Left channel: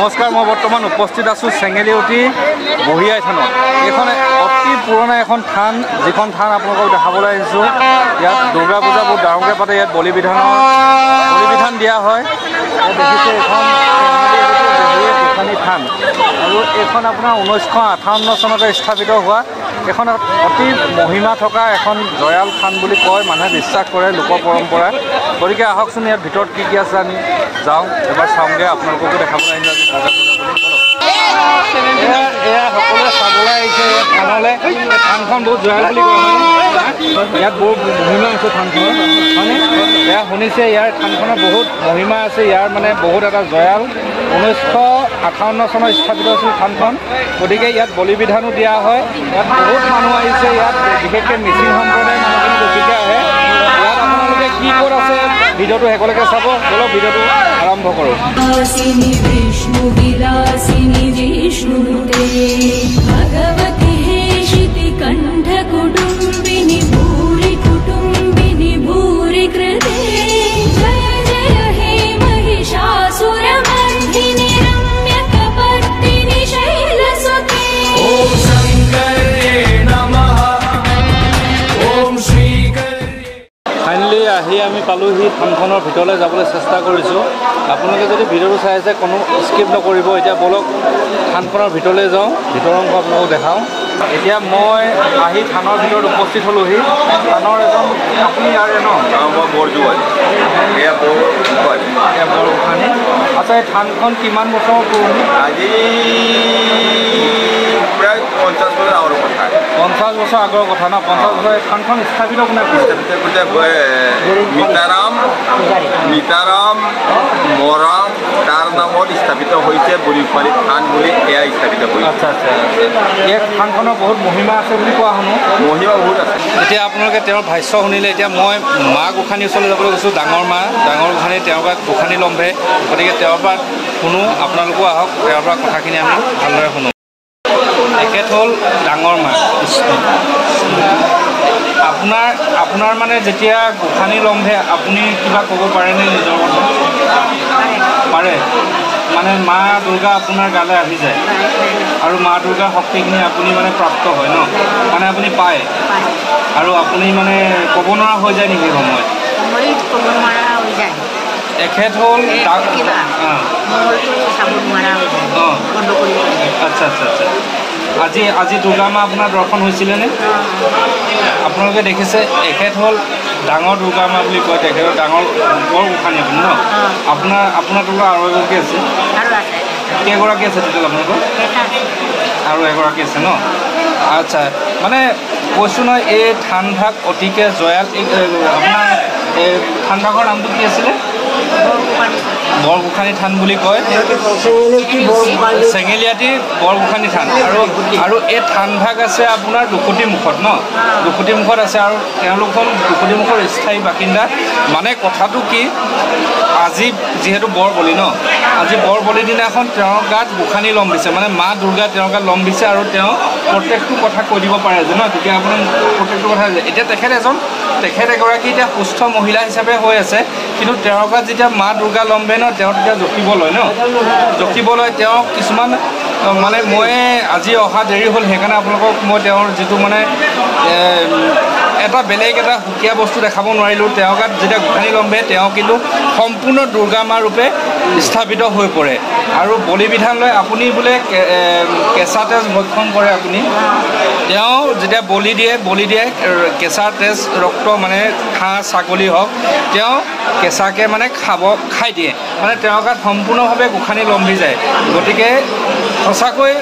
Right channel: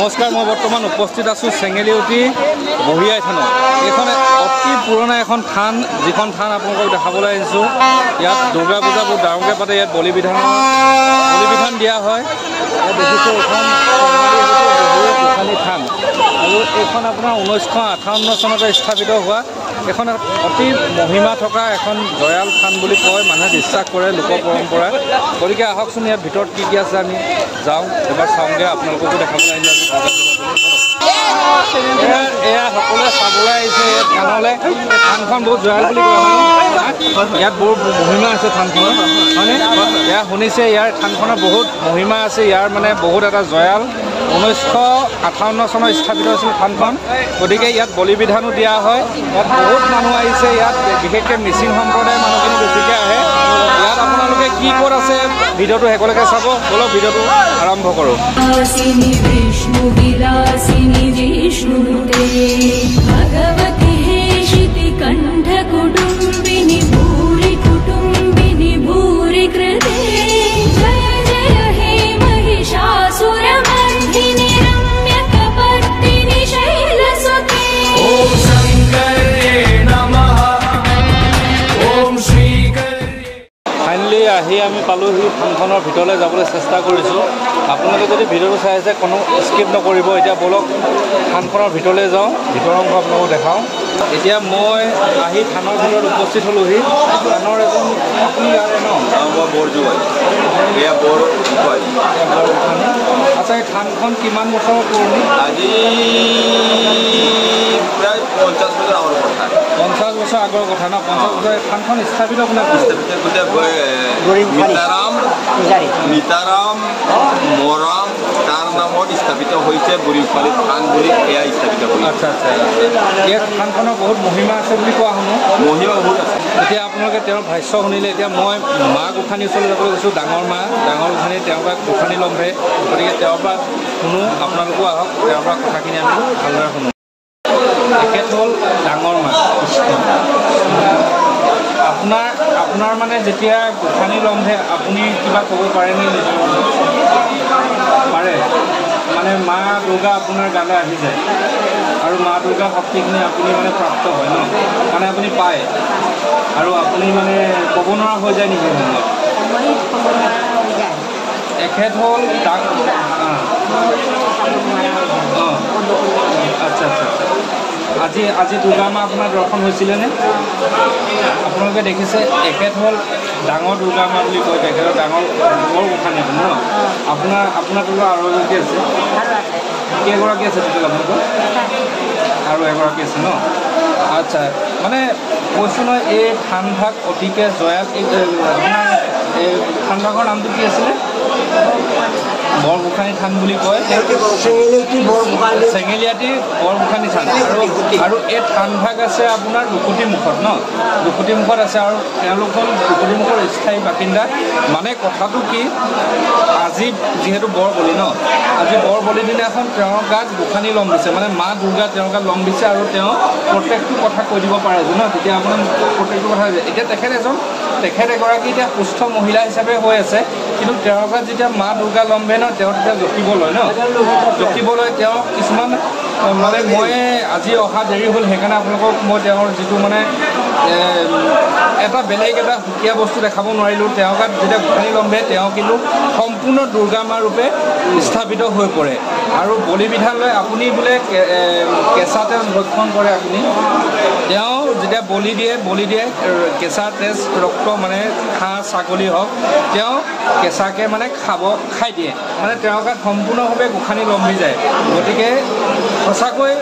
নমস্কাৰ, মই বৰ্তমান উপস্থিত আছোঁ চেঙেলিউটি বহিয়াই থানত। এইখন অতি পুৰণা এখন থান, যিখন থান আপোনালোকক দেখাবলৈ আহিছোঁ। ইয়াত দুৰ্গা পূজা বহুত ডাঙৰকৈ পাতে। ইয়াত বলিবিধান দিয়া হয়। ইয়াত দেখিছে এইখন চেঙেলিউটি গোসানী থান, আৰু এইখন আপোনাৰ 1958 চনতে স্থাপিত হোৱা এখন অতি মহিমা থকা এখন দয়াল থান বুলি কয়, মানুহে বিশ্বাস কৰে, লোক পৰম্পৰা। গতিকে আহকচোন ইয়াত ভিতৰত কি কি আছে আমি যাওঁ, এবাৰ চাওঁগৈ, আপোনালোককো দেখাবলৈ আহিলোঁ আজি দুৰ্গা পূজা বুলি। বলক, এয়া সকলোৱে চাবলৈ আহিছে এই থানলৈ। এই থানখন বহুত জয়াল বুলি কয়, হয়নে? ইয়াত বহুত মহিমা আছে থানখনৰ, হয়নে? এয়া শুনিছে, ইয়াৰ থানখনৰ বহুত মহিমা আছে, ইয়াৰ মানে বহুত এটা জয়াল। 1958 চনত স্থাপিত হৈছিল থানখন। গতিকে ইয়াত বলিবিধানো দিয়া হয়। ইয়াত বহুত মানুহ আহিছে, ইয়াত বিশেষকৈ মিচিং সম্প্ৰদায়ৰ মানুহখিনি বেছিকৈ আহে। ইয়াত আপোনালোকে কি ক'ত আছে ভিডিঅ'টো শেষলৈকে চাব। বলক ভিডিঅ'টো আৰম্ভ কৰোঁ। ফাইনেলি আহি আমি পালোহি থানখনৰ ভিতৰলৈ যাবলৈ চেষ্টা কৰিছোঁ। আপোনালোকে যদি ভিডিঅ'টো চাই আছে কোনো স্কিপ নকৰিব। এতিয়া বলক থানখনৰ ভিতৰলৈ যাওঁ, ভিতৰৰ অংশ আপোনালোকক দেখাওঁ। এতিয়া মই আহি থানৰ ভিতৰত উপস্থিত হ'লোহি। থানৰ এজন আপুনি ইয়াৰে ন? মই বৰজোৱালী। এয়া বৰগোহাঁই। আচ্ছা, এই থানখন কিমান বছৰৰ পুৰণি? আজি প্ৰায় 50 বছৰ আগৰ কথা। 50 বছৰ আগৰ কথা ন? 50 বছৰ। এই থানখন স্থাপিত কোনে কৰিছে? মিতাৰাম মৰাম তাৰ নামত স্থাপিত হৈছে বুঢ়ীপালি থান বুলি এয়া স্থাপিত হৈছে। আচ্ছা আচ্ছা আচ্ছা। এই থানখনৰ বহুত মহিমা আছে বুলি কোৱা শুনো। মহিমা বহুত আছে। এতিয়া আপোনালোকে তেওঁৰ ভাষ্য শুনিলে। এতিয়া মই মা গোসাঁনীৰ ওচৰলৈ যাবলৈ গৈছোঁ। ডাঙৰ গোসাঁনী, তেওঁৰ পৰা গোসাঁনী লম্ভে। গতিকে তেওঁৰ পৰা শুনো, আপোনালোকো আহক, তেওঁৰ পৰা কথাখিনি আমি ভালদৰে শুনো। তেখেত হ'ল ডাঙৰ মা কৃষ্ণ। আপোনাৰ মানে যেতিয়া গোসাঁনী লম্ভে আপুনি কিবা ক'ব পাৰেনে নিজৰ কথা? পাৰে। মানে মা দুৰ্গা আপোনাৰ গালৈ আহি যায়, আৰু মা দুৰ্গাৰ শক্তিখিনি আপুনি মানে প্ৰাপ্ত হয় ন? মানে আপুনি পায়, আৰু আপুনি মানে ক'ব নোৱাৰা হৈ যায় নেকি সময়ত? তেখেত হ'ল আচ্ছা আচ্ছা আচ্ছা। আজি দুৰ্গা মা আপোনাৰ দৰ্শন হৈছিলেনে? আপোনালোকে দেখিছে, তেখেত হ'ল ডাঙৰ দুৰ্গা মা বুলি কয়। তেখেতৰ ডাঙৰ বৰ গোসাঁনী আপুনি ন? আপোনাৰ দুৰ্গা আৰু এগৰাকী আছে? কেইগৰাকী আছে টোটেল আপোনালোকৰ? আৰু এগৰাকী আছে ন? আচ্ছা, মানে কৈছোঁ নহয়, এই থানভাগ অতিকে জয়াল। আপোনাৰ এই থানভাগৰ নামটো কি আছিলে? বৰগোসাঁনী থান বুলি কয়। চেঙেলিয়াটি বৰগোসাঁনী থান। আৰু এই থানভাগ আছে আপোনাৰ দুখুটিমুখত ন? দুখুটিমুখত আছে, আৰু তেওঁলোক হ'ল দুখুটিমুখৰ স্থায়ী বাসিন্দা। মানে কথাটো কি, আজি যিহেতু বৰ বলি ন, আজি বৰ বলিৰ দিনাখন তেওঁৰ গাত গোসাঁনী লম্বিছে, মানে মা দুৰ্গা তেওঁৰ গাত লম্বিছে, আৰু তেওঁ প্ৰত্যেকটো কথা কৈ দিব পাৰে যে ন, তেতিয়া আপোনাৰ প্ৰত্যেকটো কথা হৈ যায়। এতিয়া তেখেত এগৰাকী এতিয়া সুস্থ মহিলা হিচাপে হৈ আছে, কিন্তু তেওঁৰ গাত যেতিয়া মা দুৰ্গা লম্বে ন, তেওঁ তেতিয়া জকিব লয় ন। তেওঁ কিছুমান মানে মই আজি অহা দেৰি হ'ল, সেইকাৰণে আপোনালোকক মই তেওঁৰ যিটো মানে এটা বেলেগ এটা সুকীয়া বস্তু দেখাব নোৱাৰিলোঁ। তেওঁৰ গাত যেতিয়া গোসাঁনী লম্বে, তেওঁ কিন্তু সম্পূৰ্ণ দুৰ্গা মা ৰূপে স্থাপিত হৈ পৰে। আৰু বলিবিধান লৈ আপুনি বোলে কেঁচা তেজ ভক্ষণ কৰে আপুনি। তেওঁ যেতিয়া বলি দিয়ে কেঁচা তেজ ৰক্ত, মানে হাঁহ ছাগলী হওক, তেওঁ কেঁচাকৈ মানে খাই দিয়ে। মানে তেওঁৰ গাত সম্পূৰ্ণভাৱে গোসাঁনী লম্বি যায়। গতিকে সঁচাকৈ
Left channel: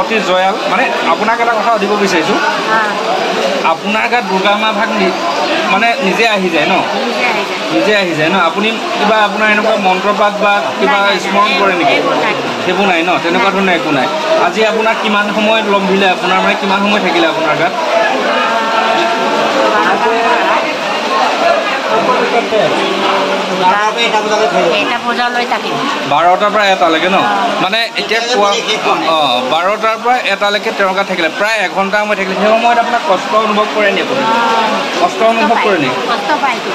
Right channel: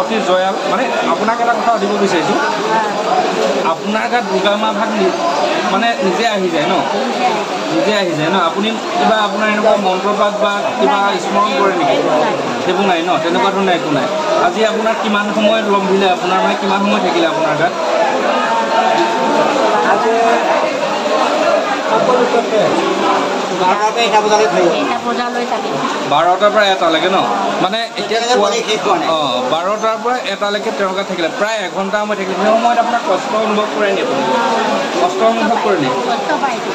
অতি জয়াল। মানে আপোনাক এটা কথা সুধিব বিচাৰিছোঁ, আপোনাৰ গাত দুৰ্গা মা ভাগ মানে নিজে আহি যায় ন? নিজে আহি যায় ন? আপুনি কিবা আপোনাৰ এনেকুৱা মন্ত্ৰপাঠ বা কিবা স্মৰণ কৰে নেকি? সেইবোৰ নাই ন? তেনেকুৱা ধৰণৰ একো নাই। আজি আপোনাৰ কিমান সময়ত লম্বিলে? আপোনাৰ মানে কিমান সময় থাকিলে আপোনাৰ গাত? 12টাৰ পৰা 1টালৈকে ন? মানে এতিয়া কোৱা 12টাৰ পৰা 1টালৈকে তেওঁৰ গাত থাকিলে, প্ৰায় 1 ঘণ্টা সময় থাকিলে। সেই সময়ত আপোনাৰ কষ্ট অনুভৱ কৰে নেকি? কষ্ট অনুভৱ কৰে নেকি?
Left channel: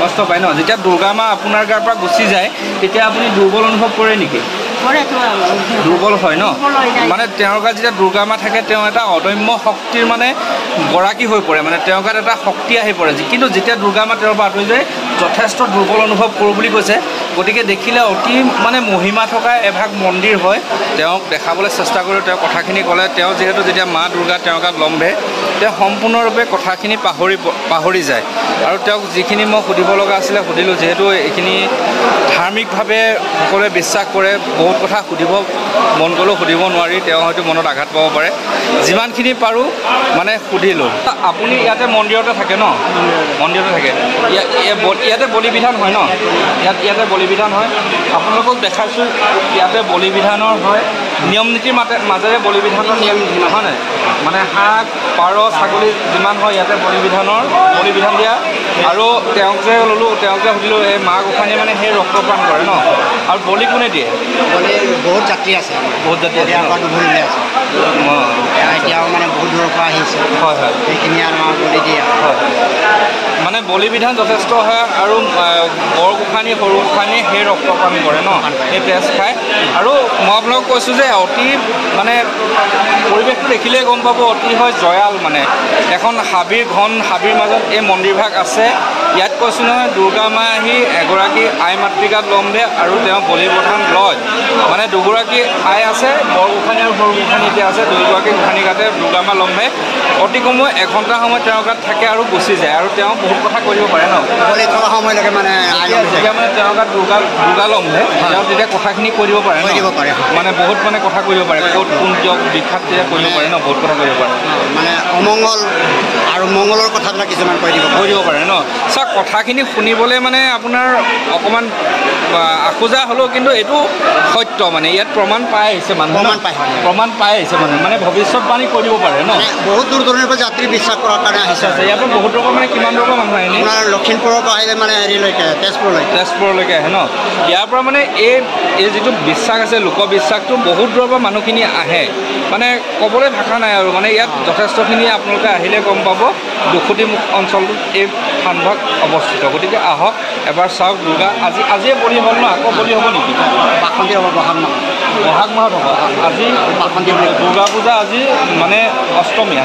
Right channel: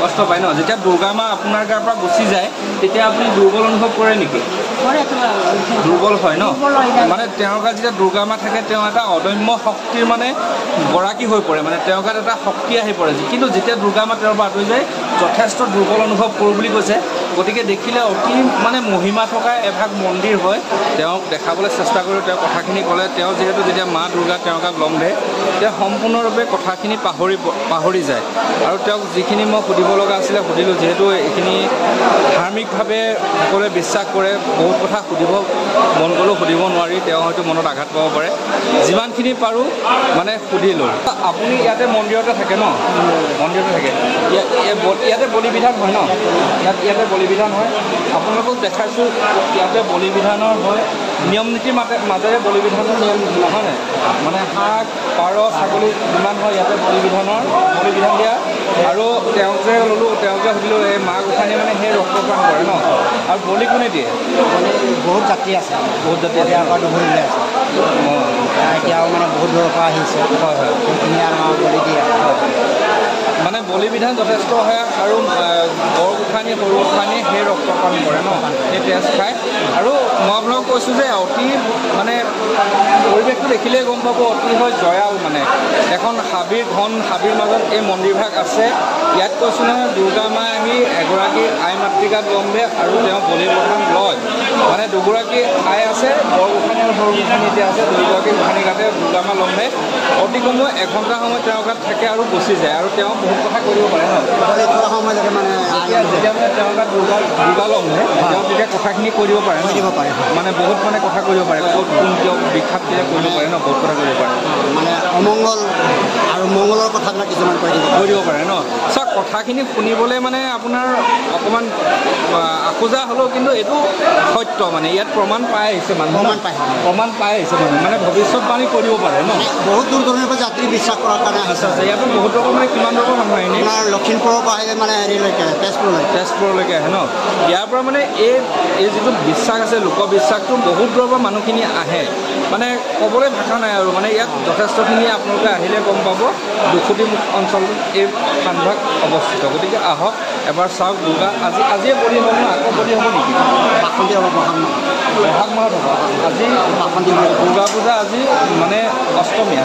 কষ্ট পায় ন? যেতিয়া দুৰ্গা মা আপোনাৰ গাৰ পৰা গুচি যায়, তেতিয়া আপুনি দুৰ্বল অনুভৱ কৰে নেকি? দুৰ্বল হয় ন মানে তেওঁৰ গাত যেতিয়া দুৰ্গা মা থাকে তেওঁ এটা অদম্য শক্তিৰ মানে গৰাকী হৈ পৰে মানে তেওঁৰ গাত এটা শক্তি আহি পৰে কিন্তু যেতিয়া দুৰ্গা মা তেওঁৰ পৰা আঁতৰি যায় যথেষ্ট দুৰ্বল অনুভৱ কৰোঁ বুলি কৈছে গতিকে দেখিলে অতি মানে মহিমা থকা এভাগ মন্দিৰ হয় তেওঁক দেখাবলৈ চেষ্টা কৰিলোঁ তেওঁ কথাখিনি ক'লে তেওঁ যিহেতু যেতিয়া মা দুৰ্গা তেওঁৰ গাত লম্ভে তেওঁ সম্পূৰ্ণৰূপে কথাখিনি পাহৰি যায় আৰু তেওঁক যিখিনি মই সুধিব লগা আছিলে সুধিলোঁ যিহেতু এইখিনি ধাৰ্মিকভাৱে সকলোৱে বিশ্বাস কৰে বহুত কথা সুধিব মন গ'লেও সুধিব নোৱাৰি তেওঁ হয়তো মনত আঘাত পাব পাৰে যিমানখিনি পাৰোঁ মানে সুধিলোঁ আপুনি ইয়াতে মন্দিৰতে থাকে ন মন্দিৰতে থাকে ইয়াতে বলি বিধান হয় ন ইয়াতে বলি বিধান হয় আপোনালোকক দেখাইছোঁ ইয়াতে বলি বিধানৰ হয় নিয়ম নীতিৰ মাজেৰে বলি বিধানৰ নিয়ম নীতি নহয় নাই মানে হাঁহ পাৰ ছাগলী যিমান হয় ইয়াতে বলি বিধান দিয়া আৰু তেওঁক যে ল'লোঁ তেওঁক যে সুধিলোঁ এই মা গোসাঁনীয়ে মানে সেই ৰক্তপান কৰে ন আৰু বলি কোনে দিয়ে বহুত যাত্ৰী আছে বহুত যাত্ৰী আছে এতিয়াও মানে বহুত দূৰৰ পৰা আহিছে হয় হয় সেইখিনি আমাৰ বলি দিয়ে হয় মানে বলি বিধান যথেষ্ট হয় আৰু বৰ গোসাঁনী সৰু গোসাঁনী সেই ৰক্তপান কৰে ন সেই তেজ খায় আৰু মই আপোনালোকক কৈছোঁ যে অতি মানে পৰিৱেশটো দেখিলেই গম পাব অতি হয় জয়াল মানে এখন ঘন হাবিৰ মাজত এই মন্দিৰভাগ আছে ইয়াত কৈছোঁ নহয় দুৰ্গা মা আহি এগৰাকী আই মাতৃকাত লম্ভে আৰু তেওঁ বলি প্ৰধান লয় মানে দুগৰাকী আই আছে বৰ গোসাঁনী আৰু সৰু গোসাঁনী এতিয়া আছে দুয়োগৰাকী গোসাঁনী গাতে দুৰ্গা মা লম্ভে অতি কমেও এঘণ্টা সময় তেওঁৰ গাত থাকে আৰু গুচি যায় আৰু তেওঁ বহুত কথা কৰিব পাৰে ন বলি থোৱা সময়লৈকে মানে যেতিয়া মানে তেওঁৰ গাত দুৰ্গা লম্ভে তেওঁ তেতিয়া কথাখিনি কৈ দিব পাৰে মানে বহুত মানে কথা কৈ দিব পাৰে ক'ত কোন কিয় বিখ্যাত তেতিয়া কৈ দিব পাৰে ন বহুত কথা কৈ দিব পাৰে মানে অমংগল আৰু মংগলৰ কথাবিলাক কিছুমান কৈ দিব পাৰে ন চাওক কথাখিনি শুনিবলৈ মানে আপোনাৰ অকণমান আকোজা হ'লেও কিন্তু এইটো সত্য মানে ইয়াত প্ৰমাণ পাই আহিছে মানুহ প্ৰমাণ পাই আহিছে মানে ভৱিষ্যতবাণী কৰিব পাৰে ন বহুত দূৰ দূৰণিৰ পৰা যাত্ৰী বিশ্বাস কৰাৰ কাৰণে আহিছে ইয়াৰ পৰা বহুত ৰকম মানে কিমান ৰকম মানুহ আহে আপোনাৰ লখিমপুৰৰ পৰা আহিলে মানে হেৰিলৈকে তেজপুৰলৈকে আহে ন ইয়াৰ পৰা মানে এই যিটো বিশ্বাস আছে লোকবিশ্বাসটো বহুত দূৰৰ পৰা মানুহখিনি আহে মানে ক'বলৈ ভাষা নাই আৰু মানে ইয়াত যথেষ্টখিনি আপোনালোকে আহিলে গম পাব দুখুটিমুখ অঞ্চলটোত এই স্থানভাগ অৱস্থিত গতিকে আহক এবাৰ চাওক দুৰ্গা আজিয়ে বলি হ'ল ন আকৌ বলি হ'ব নেকি বাসন্তী হ'ব বহাগ মাহত হ'ব আজি বাসন্তী বুলি দুৰ্গা পূজা আজি মানে অষ্টমী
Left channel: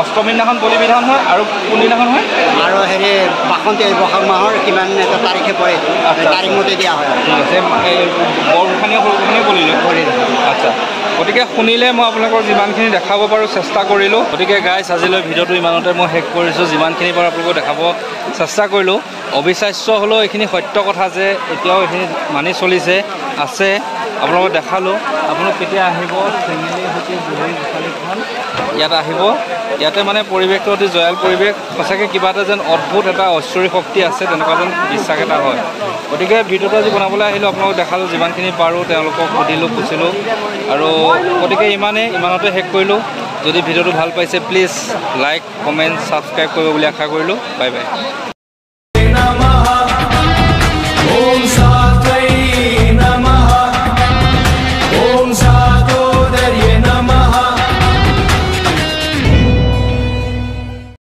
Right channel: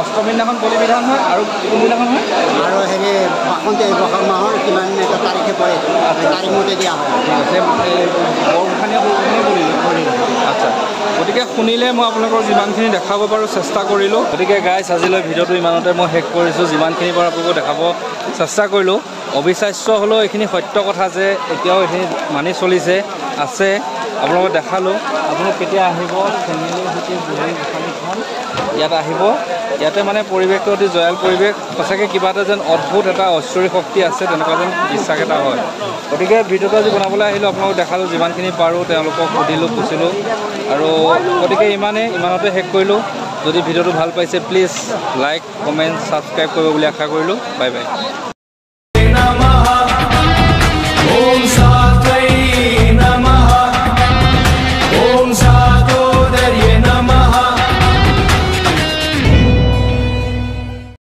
অষ্টমীৰ দিনাখন বলি বিধান হয় আৰু কোনদিনাখন হয় আৰু হেৰি বাসন্তী বহাগ মাহৰ কিমান এটা তাৰিখে পৰে তাৰিখ মতে দিয়া হয় ঠিক আছে বৰ গোসাঁনীয়ে সৰু গোসাঁনীয়ে বলি আচ্ছা গতিকে শুনিলে মই আপোনালোকৰ যিমানখিনি দেখাব পাৰোঁ চেষ্টা কৰিলোঁ গতিকে গাইজ আজিলৈ ভিডিঅ'টো ইমানতে মই শেষ কৰিছোঁ যিমানখিনি পাৰোঁ আপোনালোকক দেখাব চেষ্টা কৰিলোঁ অবিশ্বাস্য হ'লেও এইখিনি সত্য কথা যে এতিয়াও এইখিনি মানি চলিছে আছে আপোনালোকক দেখালোঁ আপোনালোক কেতিয়া আহিব চেঙেলী সৈতে বলি গোসাঁনীখন ইয়াত আহিব ইয়াতে মানে পৰিৱেশটো অতি জয়াল পৰিৱেশ সঁচাকৈ কিবা এটা যেন অদ্ভুত এটা ঐশ্বৰিক শক্তি আছে তেনেকুৱা যেন বিশ্বাস এটা হয় গতিকে ভিডিঅ'টো আজি বনাবলৈ আহিলোঁ আপোনালোকক দেখালোঁ যিমানখিনি পাৰোঁ তেওঁলোকক সুধিলোঁ পুছিলোঁ আৰু গতিকে ইমানতে শেষ কৰিলোঁ যদি ভিডিঅ'টো ভাল পাইছে প্লিজ লাইক কমেণ্ট ছাবস্ক্ৰাইব কৰিব বুলি আশা কৰিলোঁ বাই বাই